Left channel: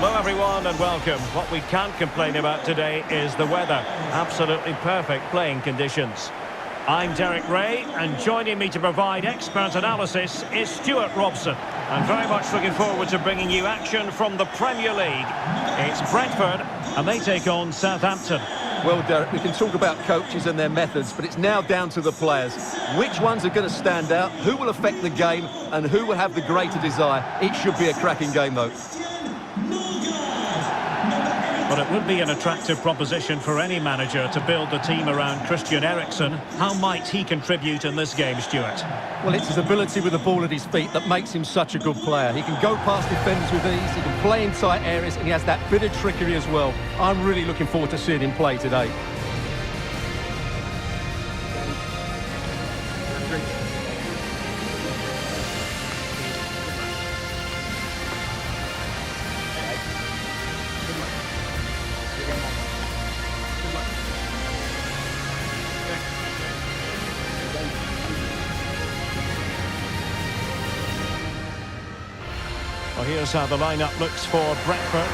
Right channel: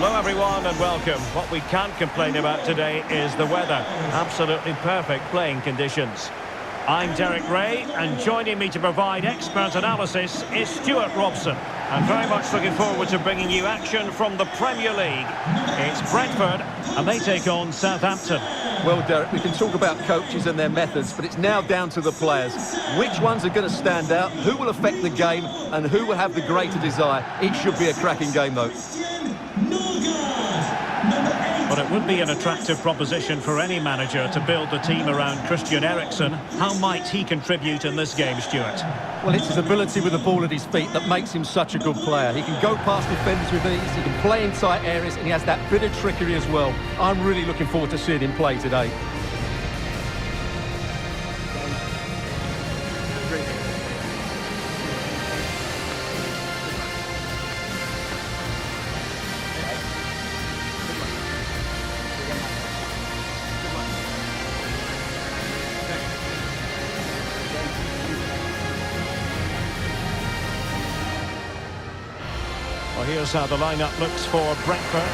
Hello everyone and welcome. What we can't complain about today is the weather. Absolutely perfect playing conditions. I'm Derek Ray, and joining me to provide expert analysis is Stuart Robson. And very much looking forward to bringing you action from the Premier League. It's Brentford, and they take on Southampton. Well, Derek, we can talk about coaches and their methods, but it's now down to the players. Which ones are going to stand out, who will affect the game, and who will have the greater desire? It should be a cracking game, though. But it would be an attractive proposition for any manager to build the team around Christian Eriksen. How might he contribute in this game, Stuart? Well, it's his ability with the ball at his feet that makes him such a good player. He can go past defenders with ease, he can play in tight areas, and he has that bit of trickery as well. I'm really looking forward to seeing him play today. Well, here's how the lineup looks for Brentford.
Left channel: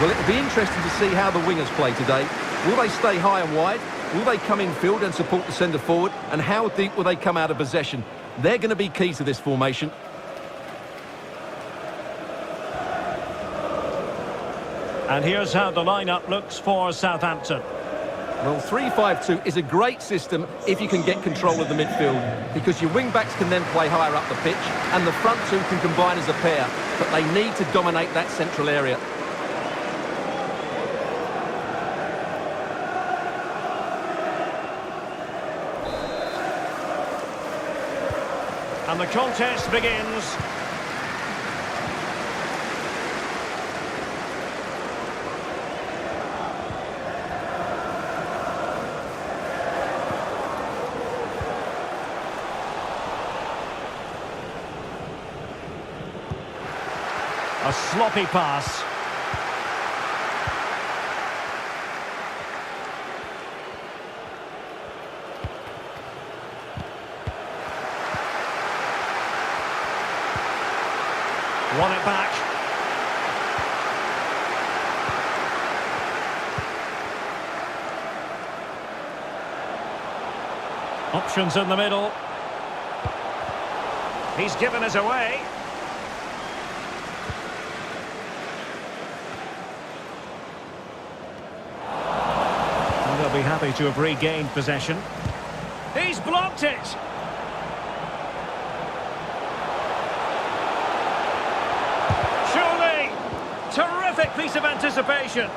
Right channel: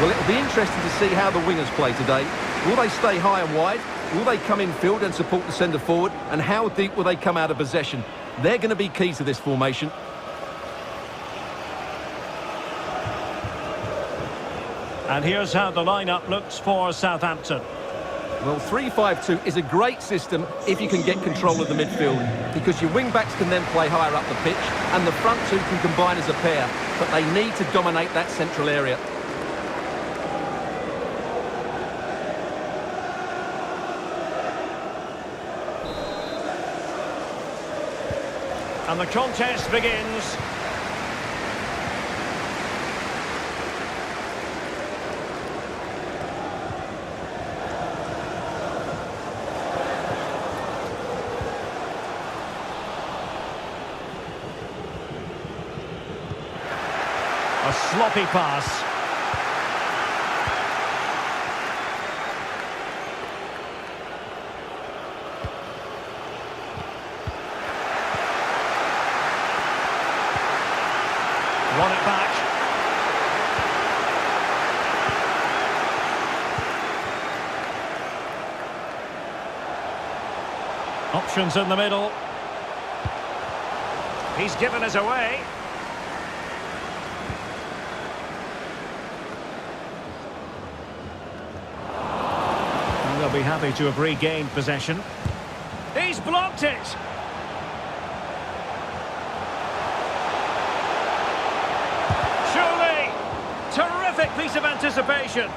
Well, it'll be interesting to see how the wingers play today. Will they stay high and wide? Will they come in field and support the centre forward? And how deep will they come out of possession? They're going to be key to this formation. And here's how the lineup looks for Southampton. Well, 3-5-2 is a great system if you can get control of the midfield, because your wing-backs can then play higher up the pitch and the front two can combine as a pair, but they need to dominate that central area. And the contest begins. A sloppy pass. Won it back. Options in the middle. He's given us away. And they'll be happy to have regained possession. He's blocked it. Surely. Terrific piece of anticipation.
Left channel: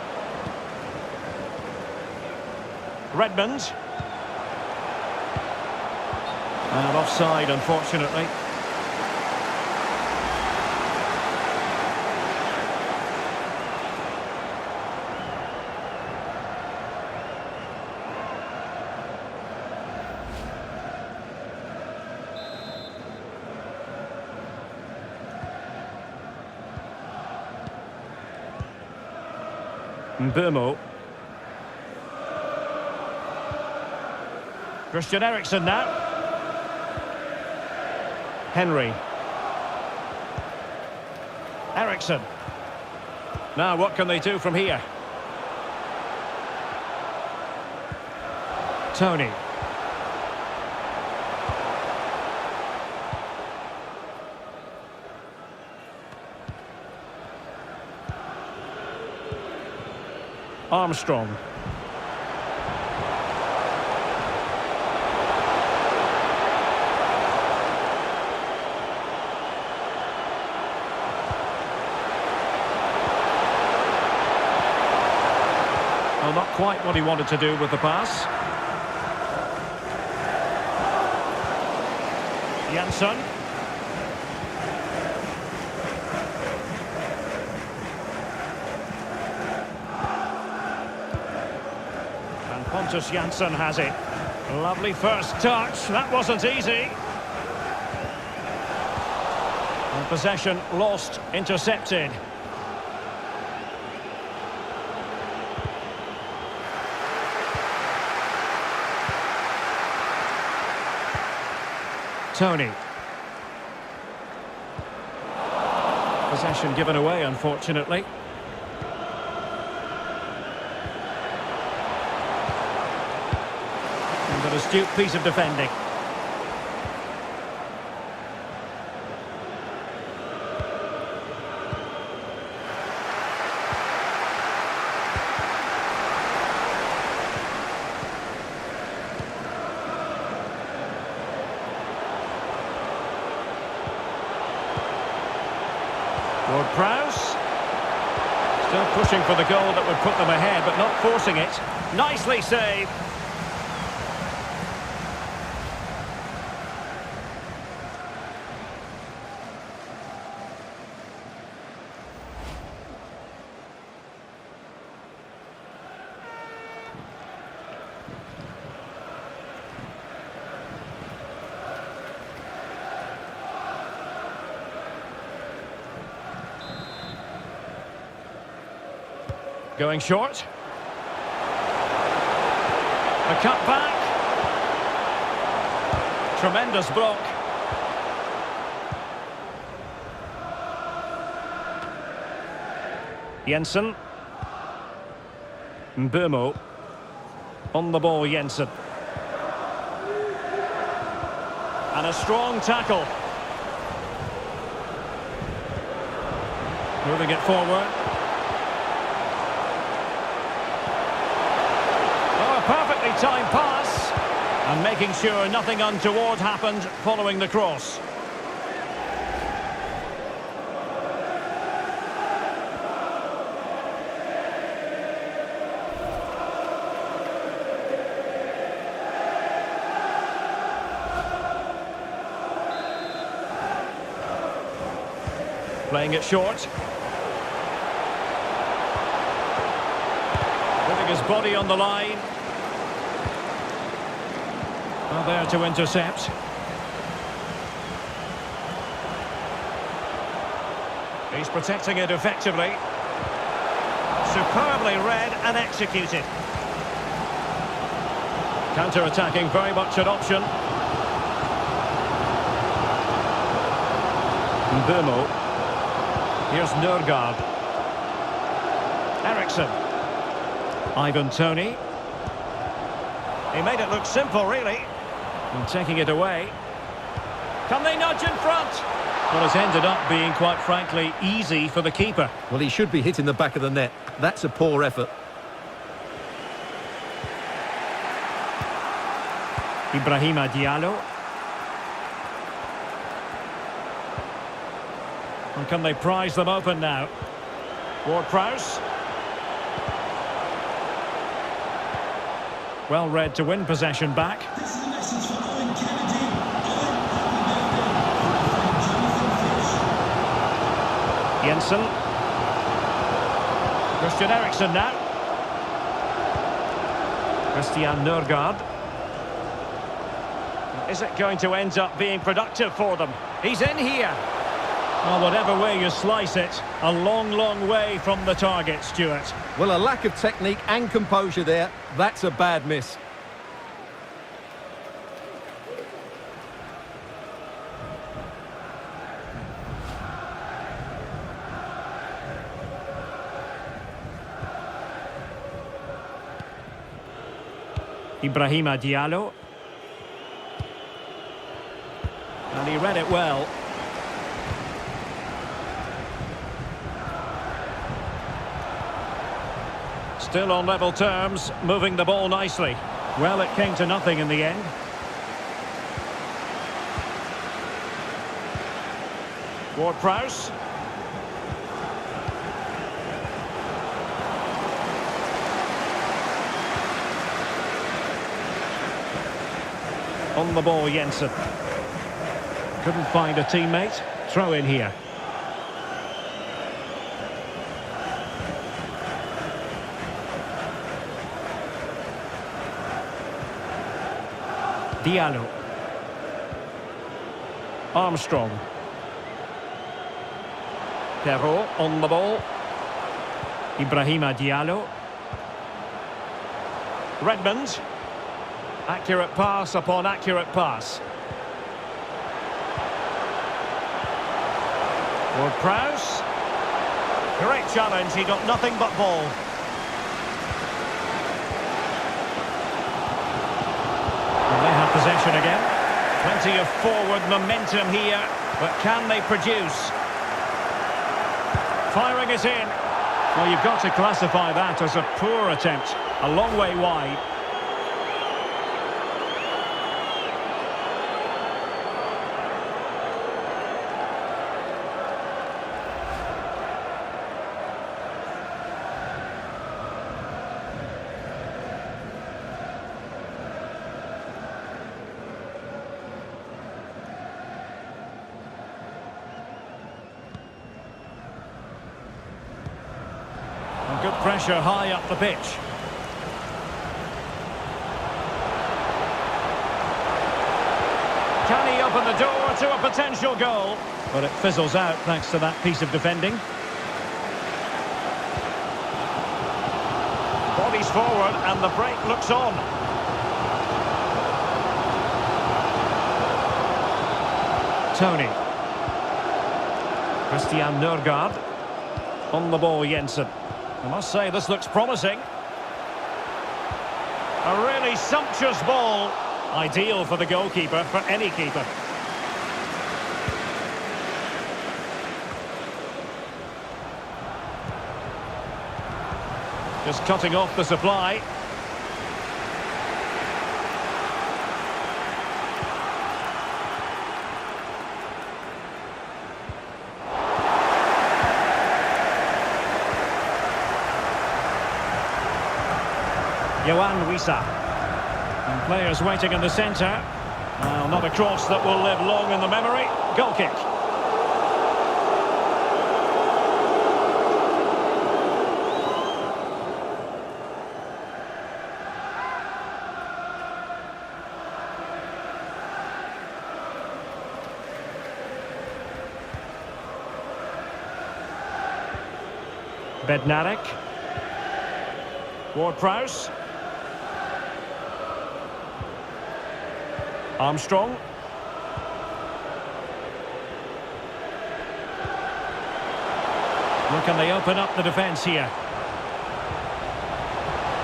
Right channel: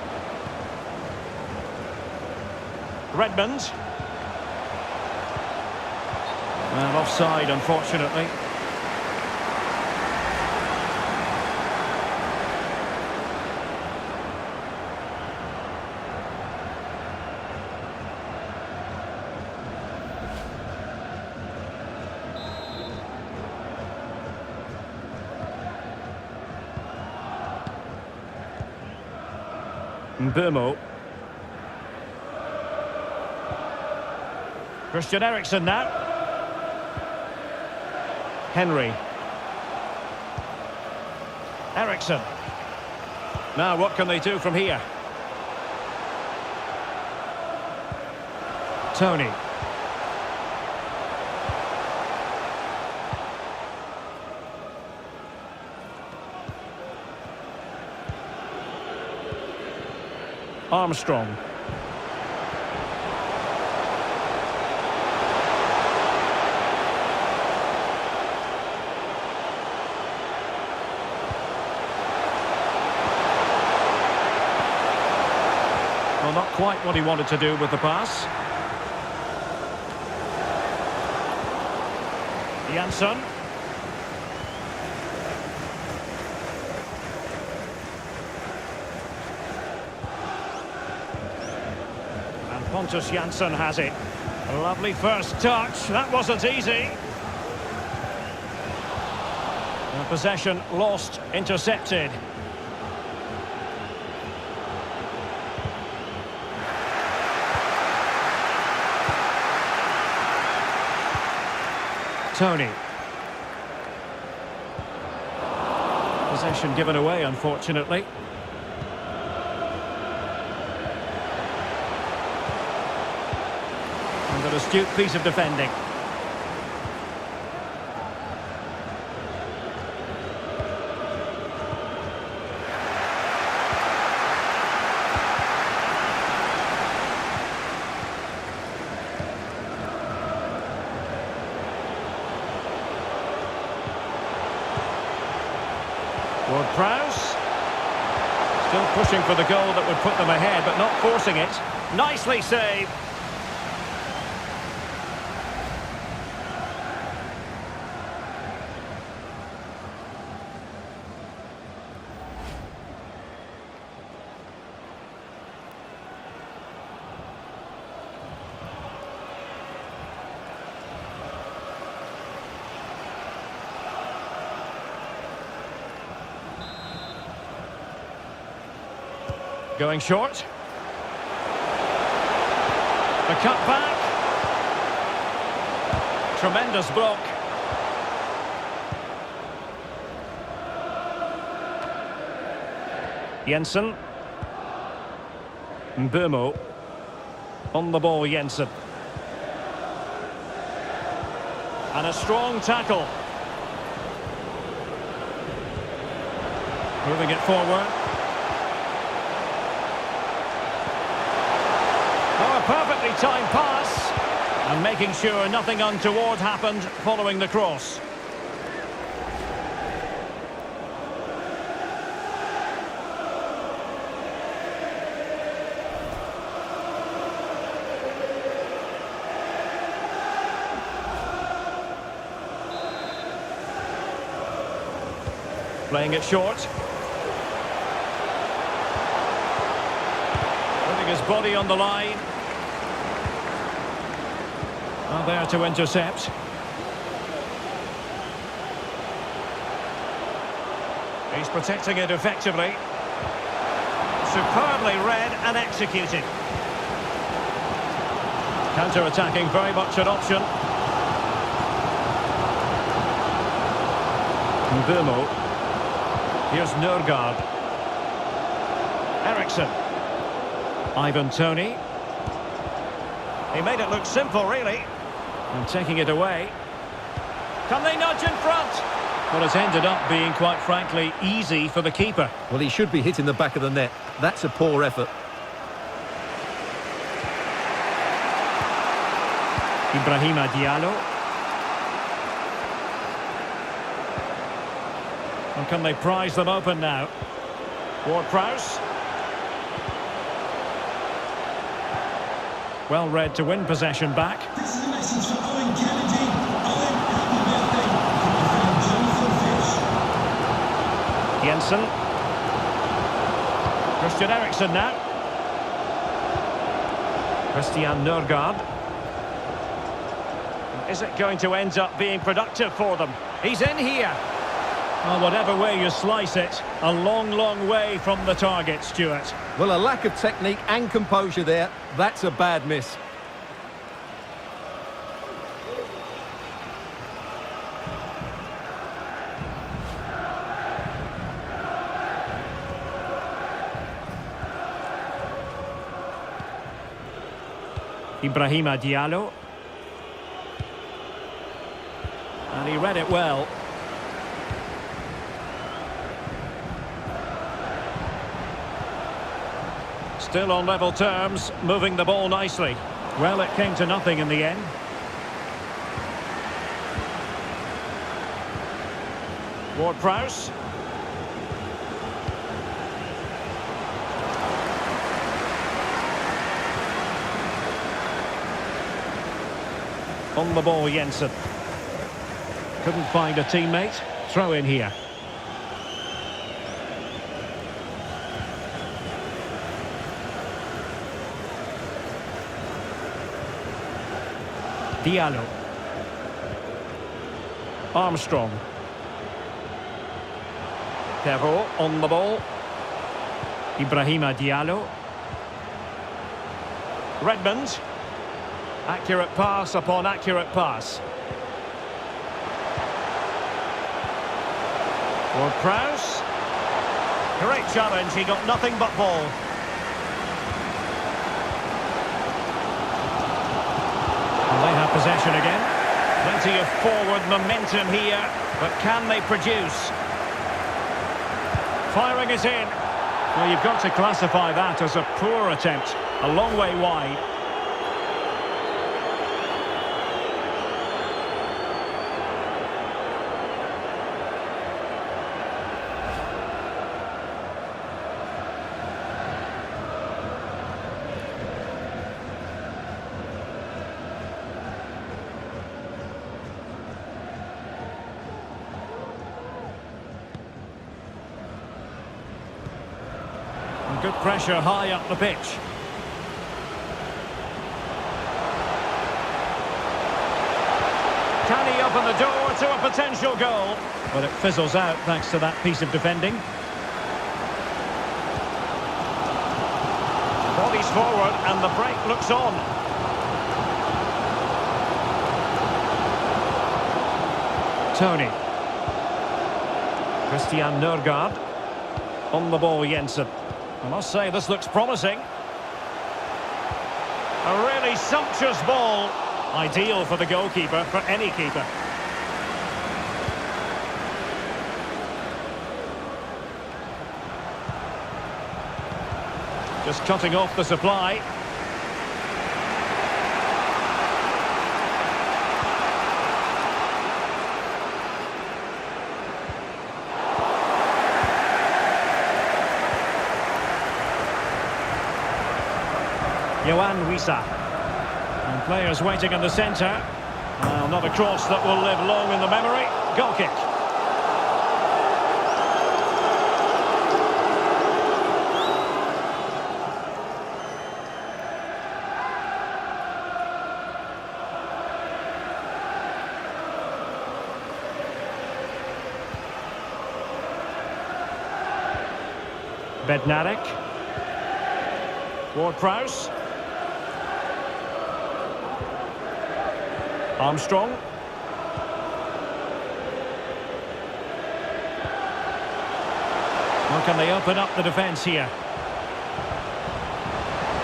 Redmond. And offside, unfortunately. Burmo. Christian Eriksen now. Henry. Eriksen. Now what can they do from here? Tony. Armstrong. Well, not quite what he wanted to do with the pass. Jansson. And Pontus Jansson has it. A lovely first touch. That wasn't easy. And possession lost, intercepted. Tony. Possession given away, unfortunately. An astute piece of defending. Ward-Prowse. Still pushing for the goal that would put them ahead, but not forcing it. Nicely saved. Going short. The cut back. Tremendous block. Jensen. Mbeumo. On the ball, Jensen. And a strong tackle. Moving it forward. Oh, a perfectly timed pass. And making sure nothing untoward happened following the cross. Playing it short. Putting his body on the line. Well, there to intercept. He's protecting it effectively. Superbly read and executed. Counter-attacking, very much an option. Mbeumo. Here's Nørgaard. Eriksson. Ivan Toney. He made it look simple, really. And taking it away. Can they nudge in front? Well, it's ended up being, quite frankly, easy for the keeper. Well, he should be hitting the back of the net. That's a poor effort. Ibrahima Diallo. And can they prize them open now? Ward-Prowse. Well read to win possession back. This is a message for Owen Kennedy. Owen, happy birthday from my friend Jonathan Fish. Jensen. Christian Eriksen now. Christian Nørgaard. Is it going to end up being productive for them? He's in here. Well, whatever way you slice it, a long, long way from the target, Stuart. Well, a lack of technique and composure there. That's a bad miss. Ibrahima Diallo. And he read it well. Still on level terms, moving the ball nicely. Well, it came to nothing in the end. Ward-Prowse. On the ball, Jensen. Couldn't find a teammate. Throw in here. Diallo. Armstrong. Perrault on the ball. Ibrahima Diallo. Redmond. Accurate pass upon accurate pass. Ward-Prowse. Great challenge, he got nothing but ball. And they have possession again. Plenty of forward momentum here, but can they produce? Firing it in. Well, you've got to classify that as a poor attempt. A long way wide. And good pressure high up the pitch. Can he open the door to a potential goal? But it fizzles out thanks to that piece of defending. Bodies forward and the break looks on. Tony. Christian Nørgaard. On the ball, Jensen. I must say, this looks promising. A really sumptuous ball. Ideal for the goalkeeper, for any keeper. Just cutting off the supply. Yohan Wissa. And players waiting in the centre. Well, not a cross that will live long in the memory. Goal kick. Bednarek. Ward-Prowse. Armstrong. Well, can they open up the defence here?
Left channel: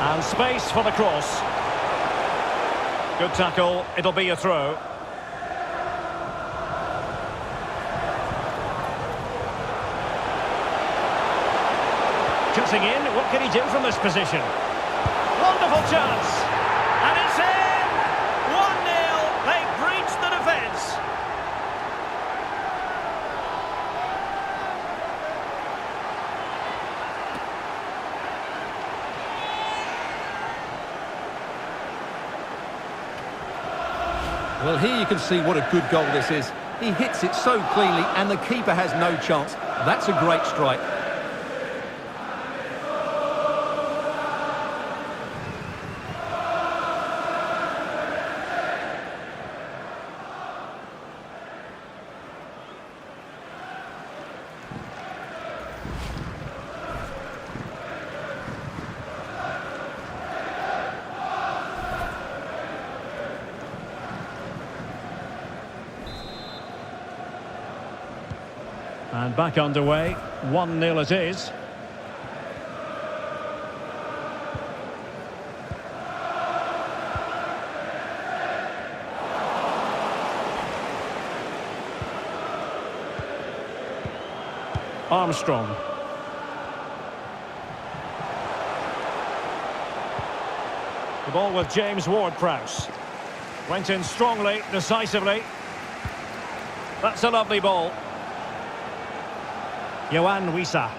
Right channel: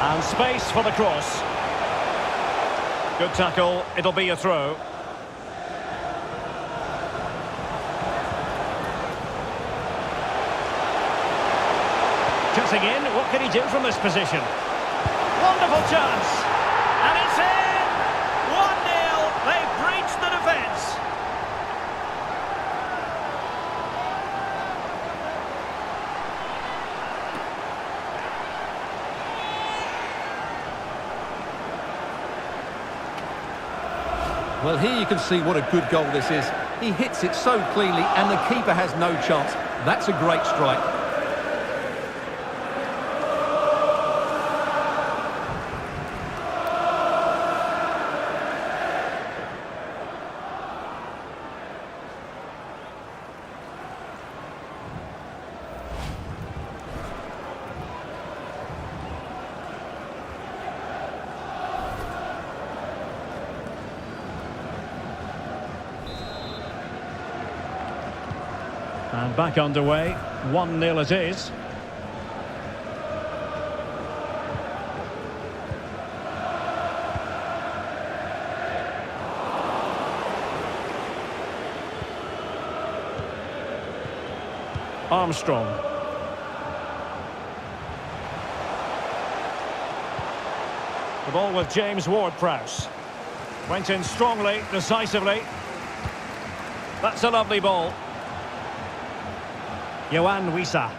And space for the cross. Good tackle. It'll be a throw. Cutting in. What can he do from this position? Wonderful chance. And it's in! 1-0. They've breached the defence. Well, here you can see what a good goal this is. He hits it so cleanly and the keeper has no chance. That's a great strike. And back underway, 1-0 it is. Armstrong. The ball with James Ward-Prowse. Went in strongly, decisively. That's a lovely ball. Yohan Wissa.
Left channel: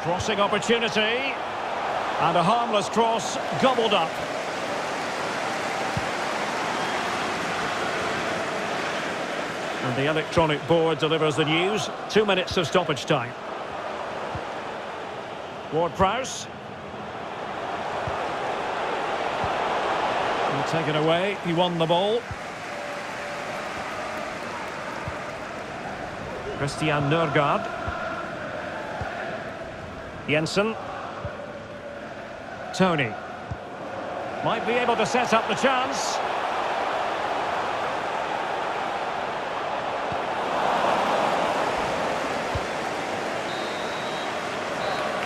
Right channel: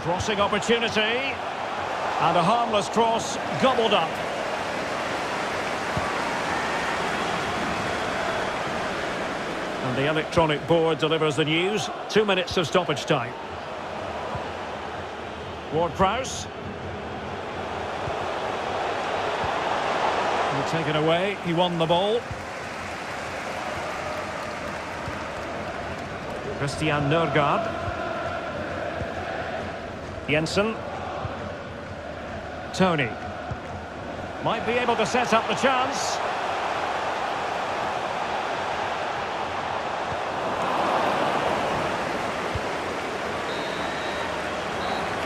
Crossing opportunity. And a harmless cross gobbled up. And the electronic board delivers the news. 2 minutes of stoppage time. Ward-Prowse. And taken away. He won the ball. Christian Nørgaard. Jensen. Tony. Might be able to set up the chance.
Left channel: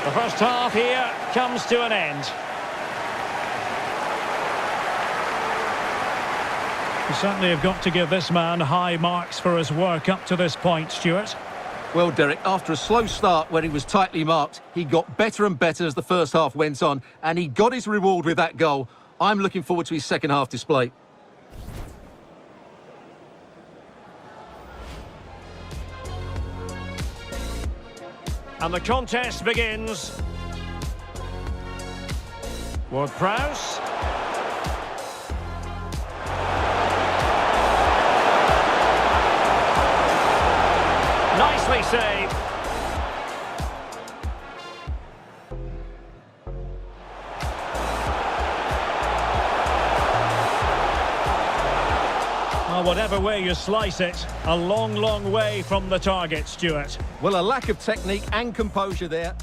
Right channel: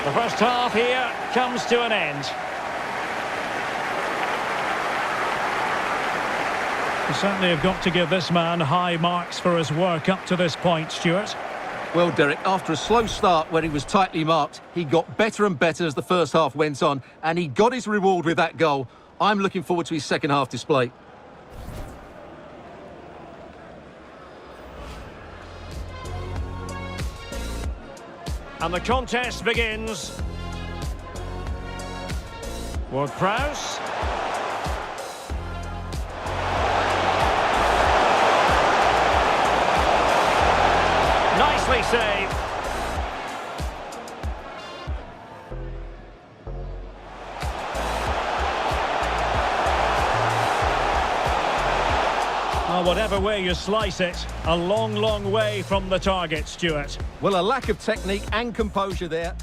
The first half here comes to an end. You certainly have got to give this man high marks for his work up to this point, Stuart. Well, Derek, after a slow start when he was tightly marked, he got better and better as the first half went on, and he got his reward with that goal. I'm looking forward to his second half display. And the contest begins. Ward-Prowse. Nicely saved. Well, whatever way you slice it, a long, long way from the target, Stuart. Well, a lack of technique and composure there.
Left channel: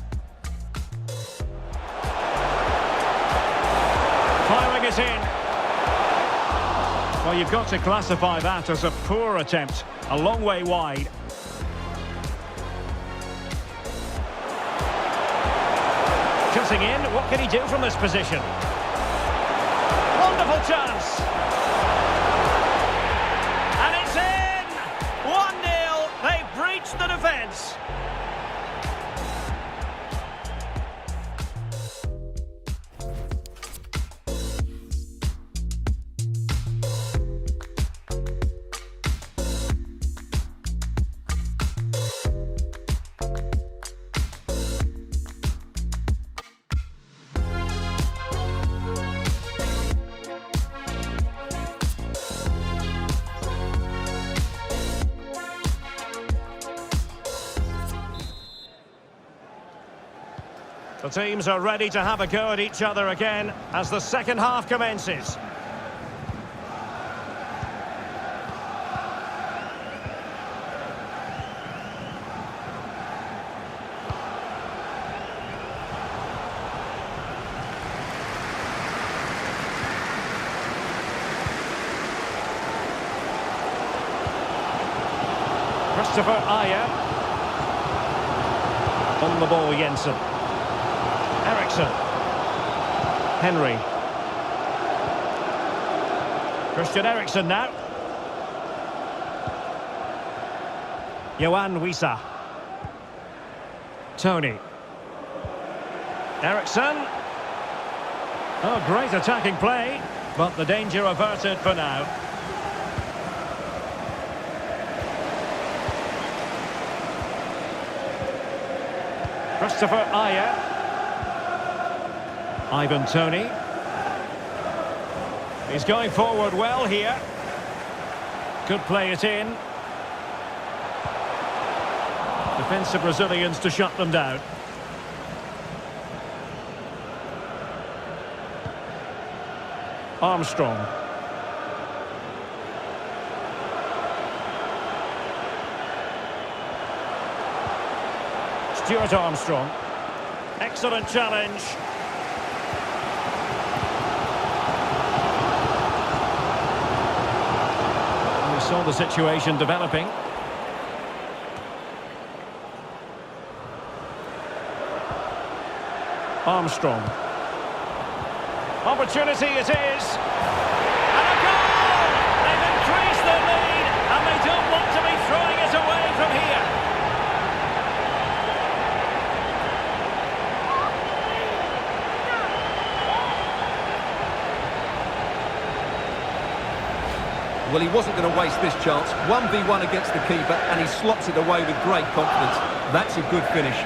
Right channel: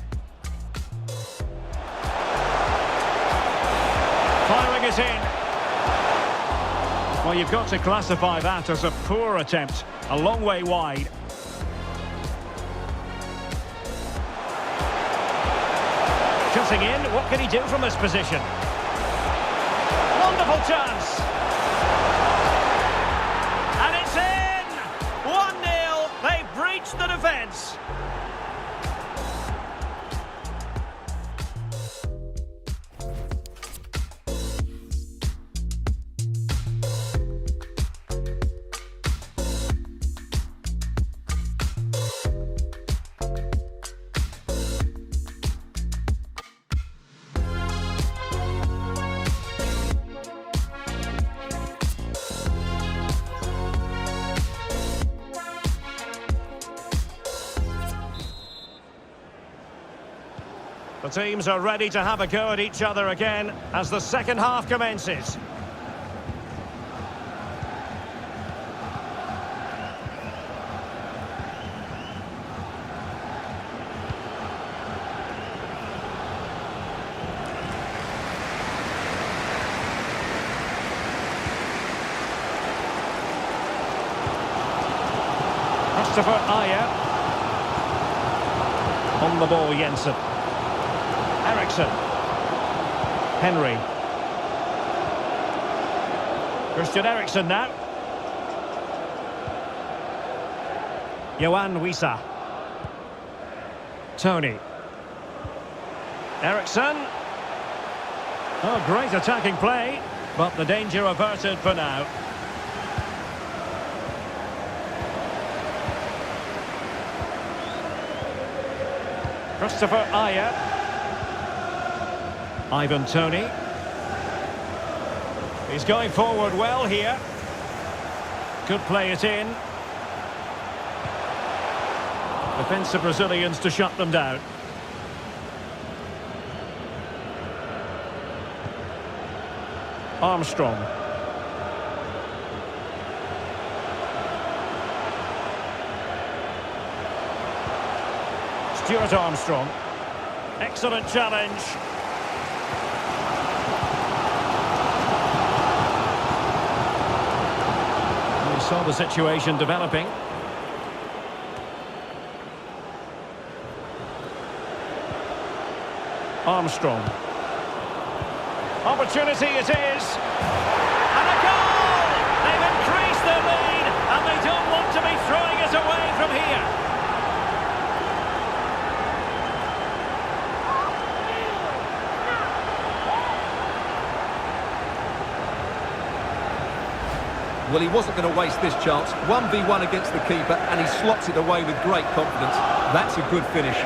Firing it in. Well, you've got to classify that as a poor attempt. A long way wide. Cutting in, what can he do from this position? Wonderful chance! And it's in! 1-0, they've breached the defence. The teams are ready to have a go at each other again as the second half commences. Christopher Ayer. On the ball, Jensen. Eriksson. Henry. Christian Eriksen now. Yohan Wissa. Tony. Eriksson. Oh, great attacking play, but the danger averted for now. Christopher Ayer. Ivan Toney. He's going forward well here. Could play it in. Defensive Brazilians to shut them down. Armstrong. Stuart Armstrong. Excellent challenge. We saw the situation developing. Armstrong. Opportunity it is. And a goal! They've increased their lead and they don't want to be throwing it away from here. Well, he wasn't going to waste this chance. 1v1 against the keeper, and he slots it away with great confidence. That's a good finish.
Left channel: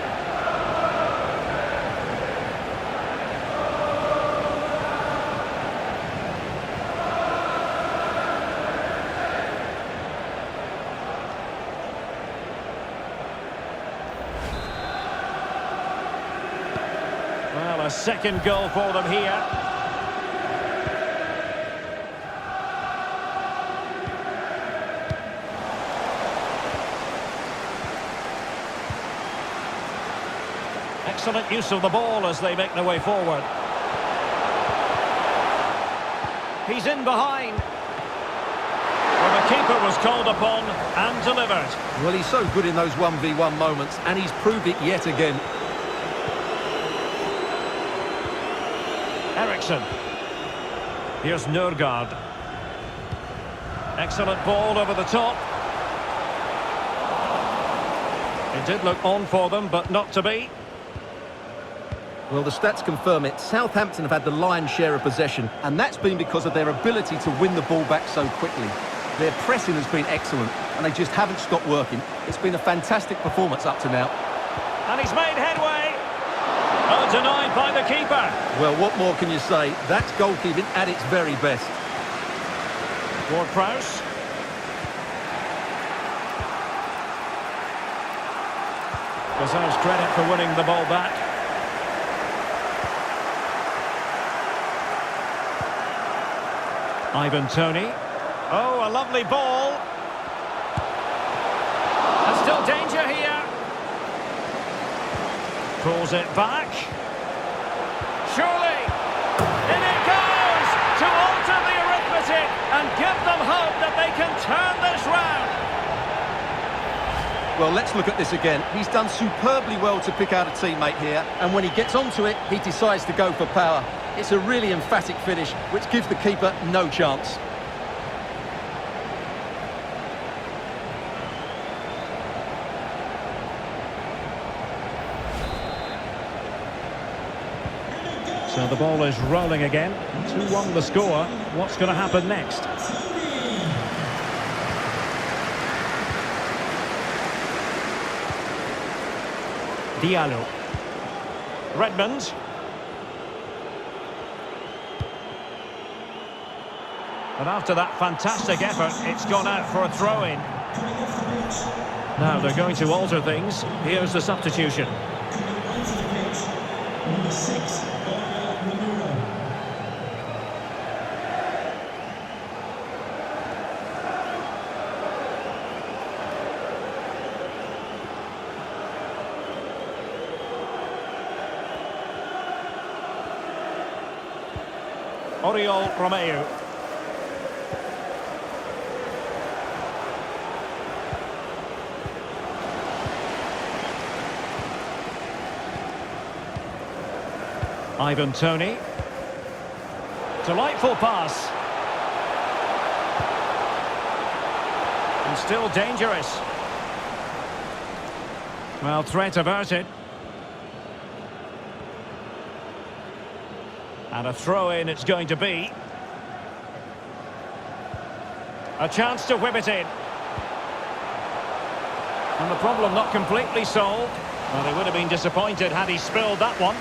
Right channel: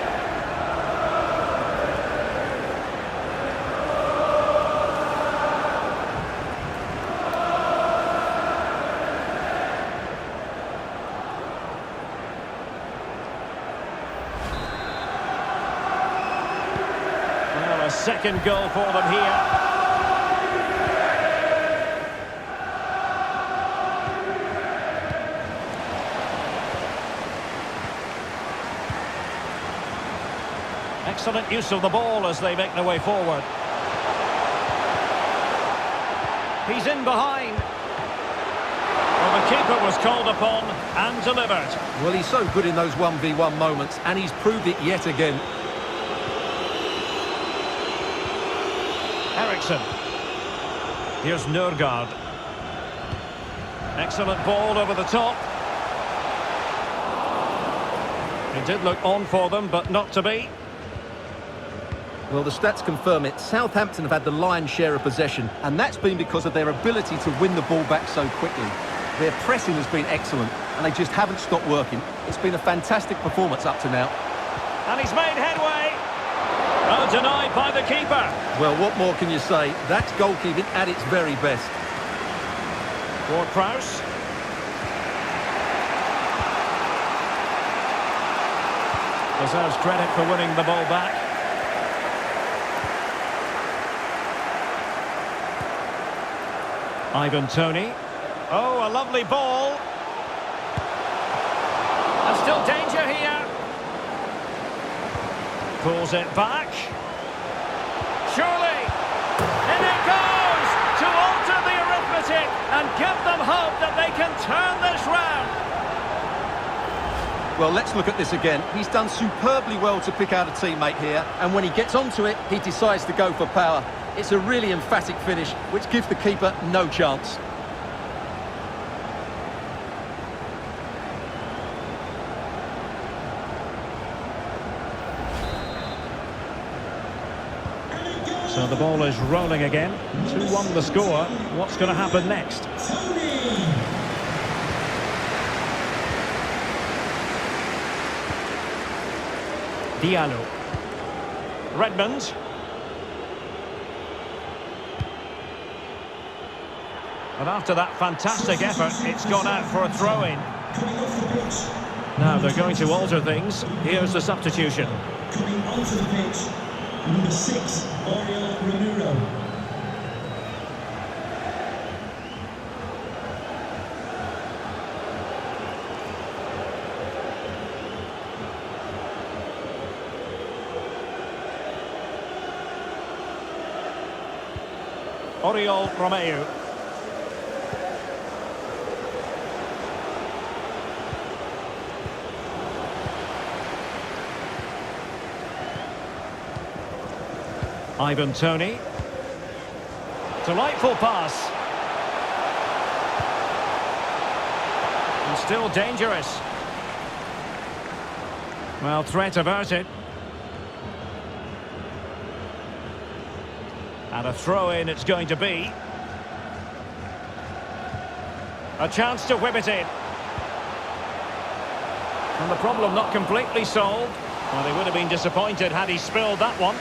Well, a second goal for them here. Excellent use of the ball as they make their way forward. He's in behind. Well, the keeper was called upon and delivered. Well, he's so good in those 1v1 moments, and he's proved it yet again. Eriksson. Here's Nørgaard. Excellent ball over the top. It did look on for them, but not to be. Well, the stats confirm it. Southampton have had the lion's share of possession, and that's been because of their ability to win the ball back so quickly. Their pressing has been excellent, and they just haven't stopped working. It's been a fantastic performance up to now. And he's made headway. Oh, denied by the keeper. Well, what more can you say? That's goalkeeping at its very best. Ward-Prowse. Deserves credit for winning the ball back. Ivan Toney. Oh, a lovely ball. And still danger here. Pulls it back. Surely. In it goes to alter the arithmetic and give them hope that they can turn this round. Well, let's look at this again. He's done superbly well to pick out a teammate here, and when he gets onto it, he decides to go for power. It's a really emphatic finish, which gives the keeper no chance. So the ball is rolling again. 2-1 the score. What's going to happen next? Diallo. Redmond. And after that fantastic effort, it's gone out for a throw-in. Now they're going to alter things. Here's the substitution. Coming onto the pitch, number 6, Ramiro. Oriol Romeu. Ivan Toney. Delightful pass. And still dangerous. Well, threat averted. And a throw-in it's going to be. A chance to whip it in. And the problem not completely solved. Well, they would have been disappointed had he spilled that one.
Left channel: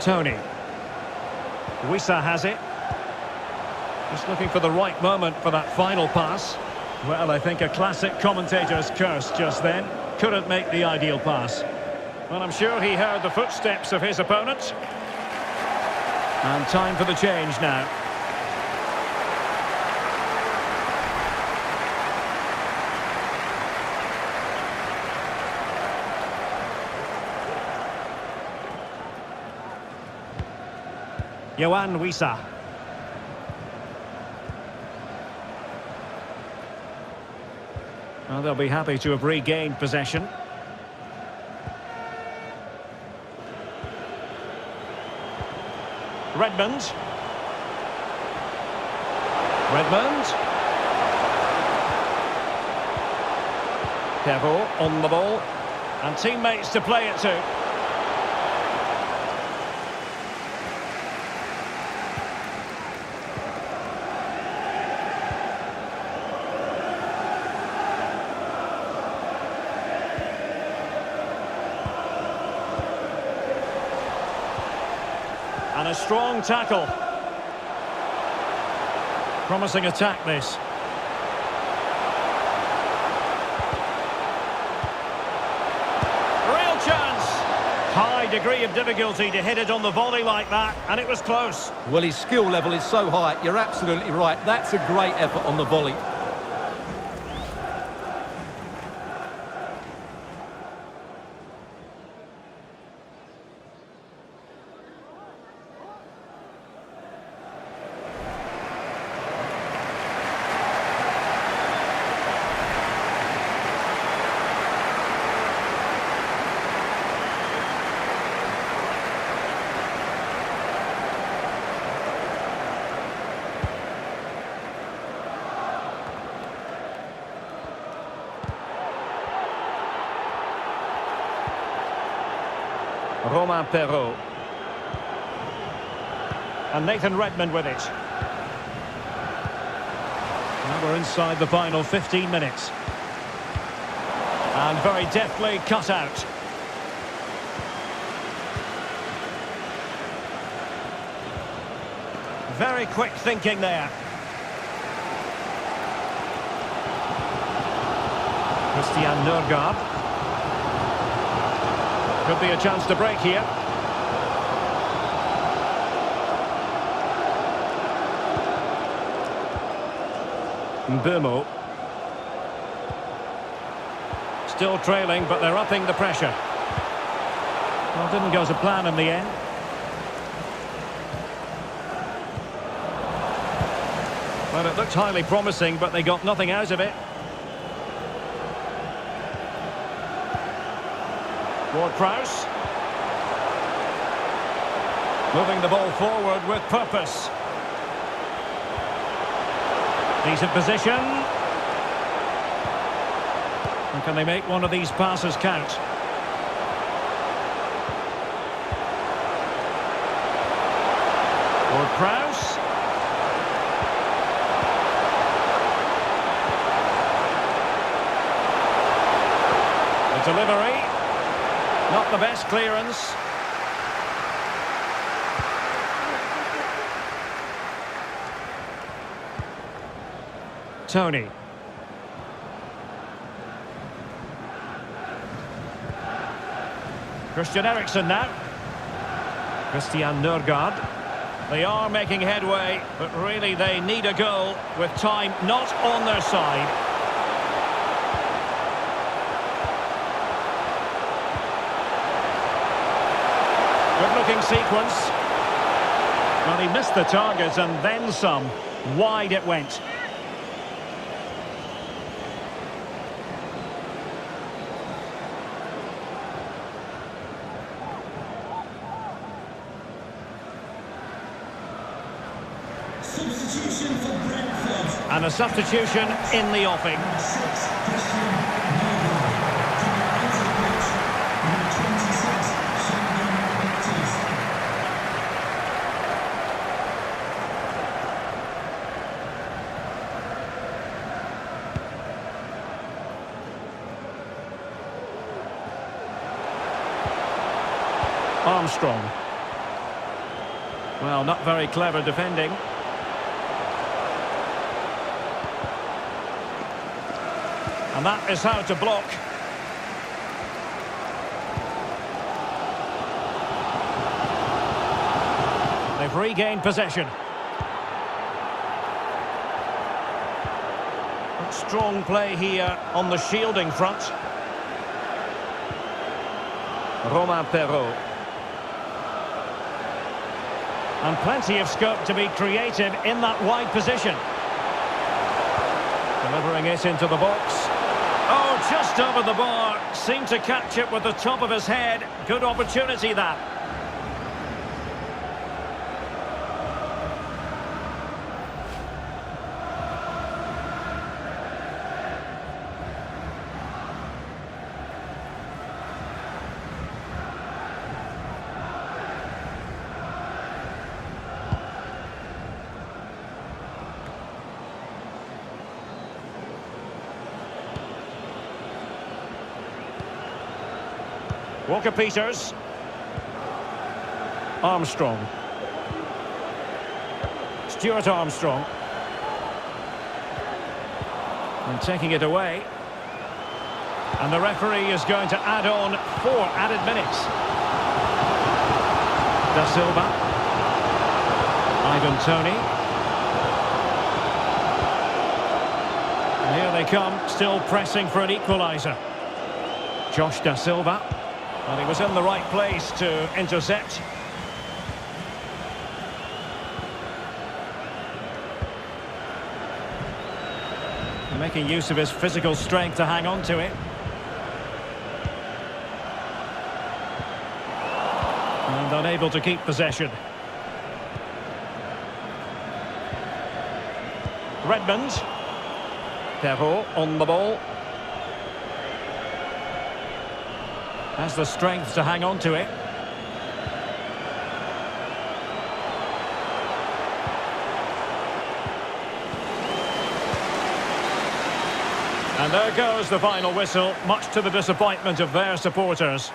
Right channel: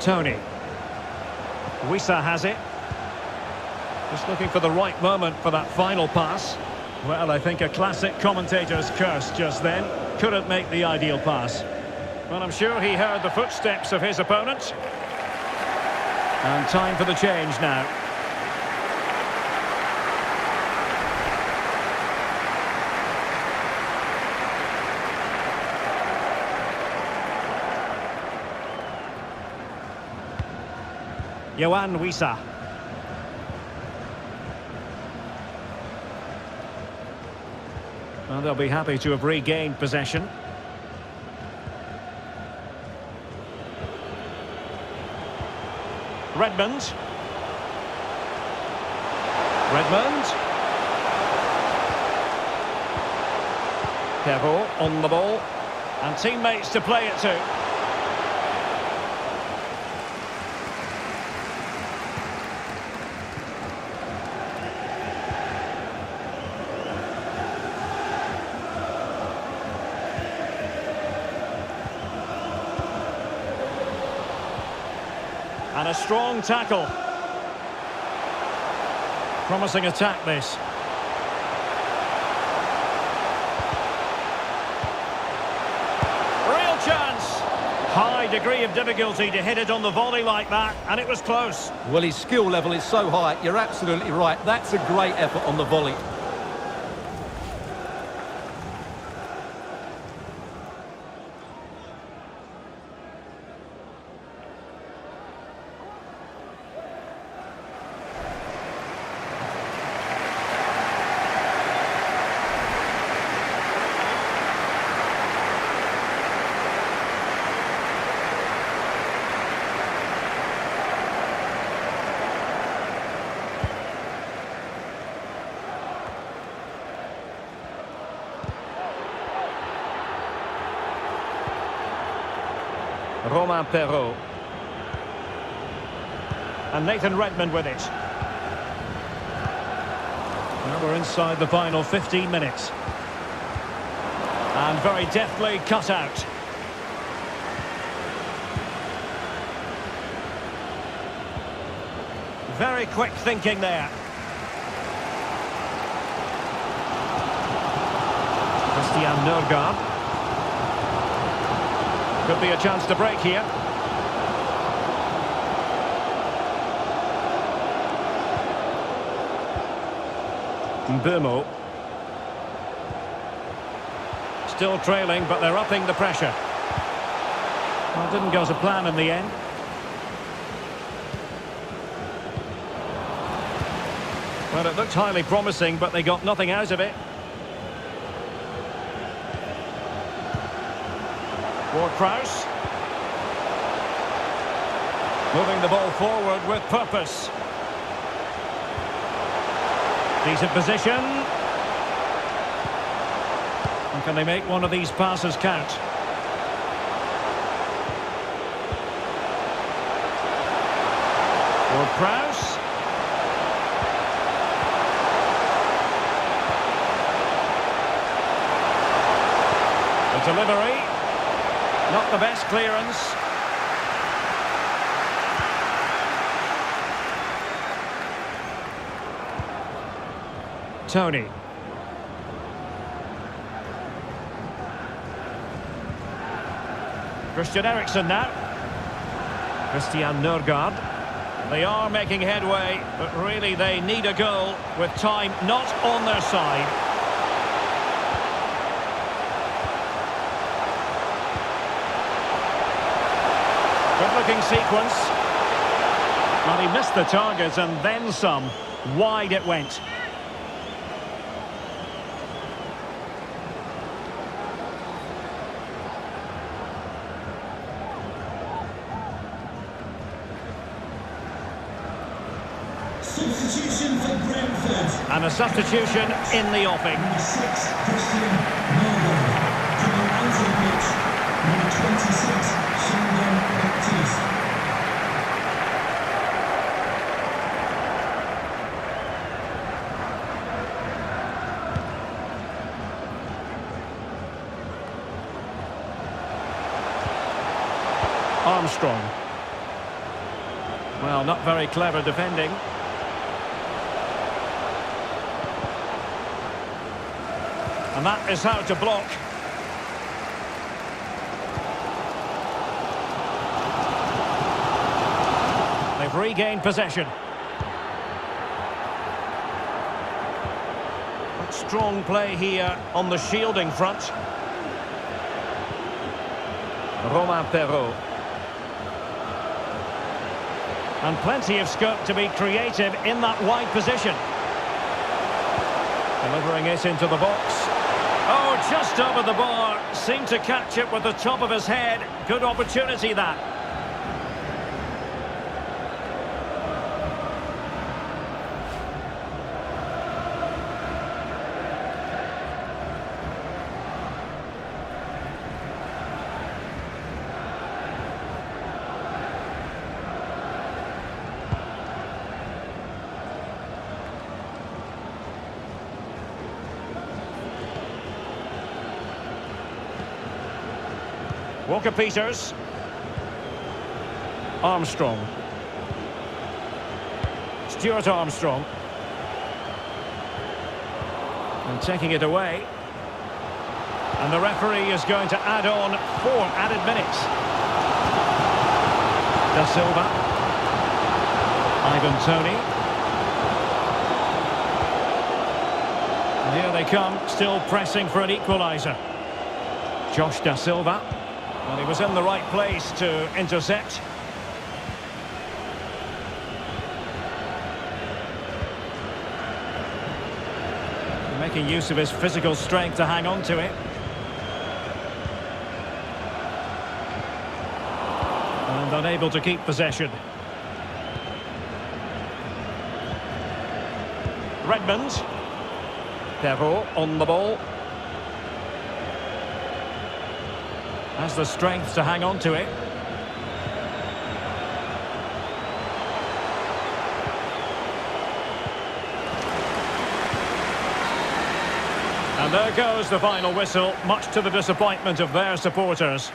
Toney. Wissa has it. Just looking for the right moment for that final pass. Well, I think a classic commentator's curse just then. Couldn't make the ideal pass. Well, I'm sure he heard the footsteps of his opponent. And time for the change now. Yohan Wissa. Well, they'll be happy to have regained possession. Redmond. Kevo on the ball. And teammates to play it to. And a strong tackle. Promising attack, this. Real chance. High degree of difficulty to hit it on the volley like that, and it was close. Well, his skill level is so high, you're absolutely right. That's a great effort on the volley. Romain Perrault. And Nathan Redmond with it. Now we're inside the final 15 minutes. And very deftly cut out. Very quick thinking there. Christian Nørgaard. Could be a chance to break here. Mbeumo. Still trailing, but they're upping the pressure. Well, didn't go to plan in the end. Well, it looked highly promising, but they got nothing out of it. Ward-Prowse. Moving the ball forward with purpose. Decent position. And can they make one of these passes count? Ward-Prowse. The delivery. Not the best clearance. Tony. Christian Eriksen now. Christian Nørgaard. They are making headway, but really they need a goal with time not on their side. Good-looking sequence. Well, he missed the target and then some. Wide it went. Substitution for Brentford. And a substitution in the offing. Number 6, Christian Nørgaard. Coming onto the pitch, number 26, Sheldon Baptiste. Armstrong. Well, not very clever defending. And that is how to block. They've regained possession. But strong play here on the shielding front. Romain Perrault. And plenty of scope to be creative in that wide position. Delivering it into the box. Oh, just over the bar. Seemed to catch it with the top of his head. Good opportunity, that. Walker-Peters. Armstrong. Stuart Armstrong. And taking it away. And the referee is going to add on 4 added minutes. Da Silva. Ivan Toney. And here they come, still pressing for an equaliser. Josh Da Silva. Well, he was in the right place to intercept. Making use of his physical strength to hang on to it. And unable to keep possession. Redmond. Perrault on the ball. Has the strength to hang on to it. And there goes the final whistle, much to the disappointment of their supporters.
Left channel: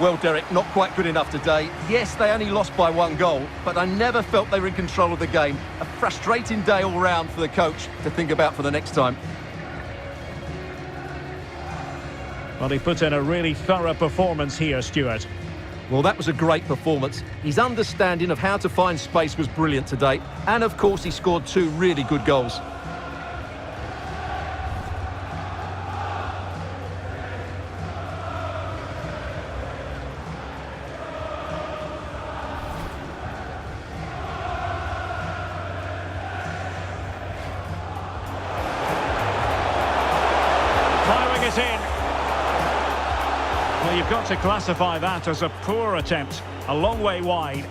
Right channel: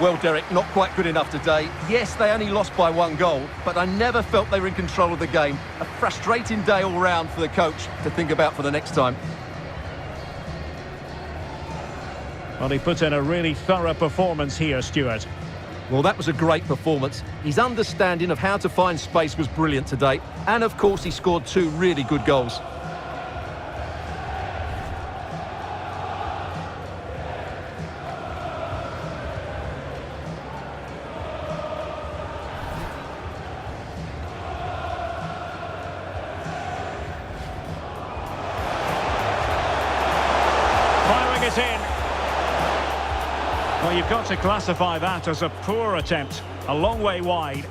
Well, Derek, not quite good enough today. Yes, they only lost by 1 goal, but I never felt they were in control of the game. A frustrating day all round for the coach to think about for the next time. Well, he put in a really thorough performance here, Stuart. Well, that was a great performance. His understanding of how to find space was brilliant today. And, of course, he scored 2 really good goals. Firing it in. Well, you've got to classify that as a poor attempt. A long way wide.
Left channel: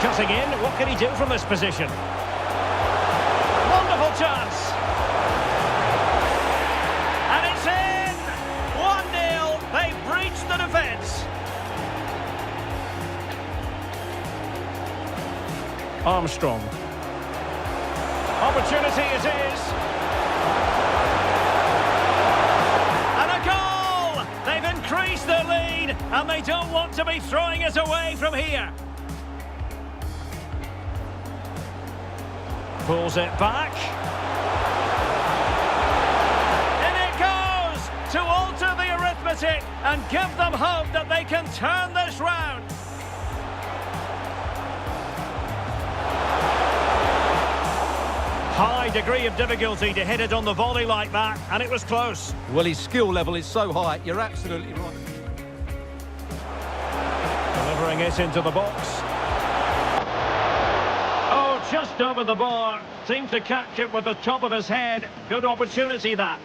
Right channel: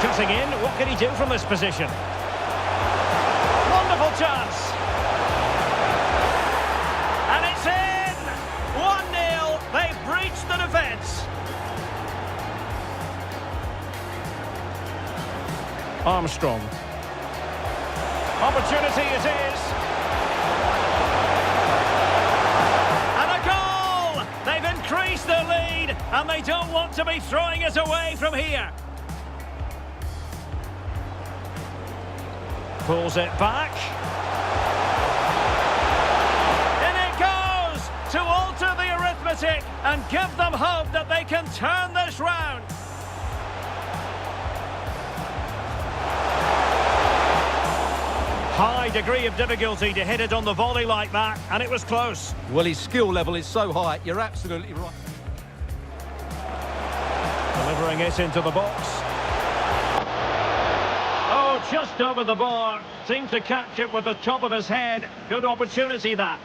Cutting in. What can he do from this position? Wonderful chance. And it's in! 1-0. They've breached the defence. Armstrong. Opportunity it is. And a goal! They've increased their lead, and they don't want to be throwing it away from here. Pulls it back. In it goes to alter the arithmetic and give them hope that they can turn this round. High degree of difficulty to hit it on the volley like that, and it was close. Well, his skill level is so high, you're absolutely right. Delivering it into the box. Oh, just over the bar. Seemed to catch it with the top of his head. Good opportunity, that.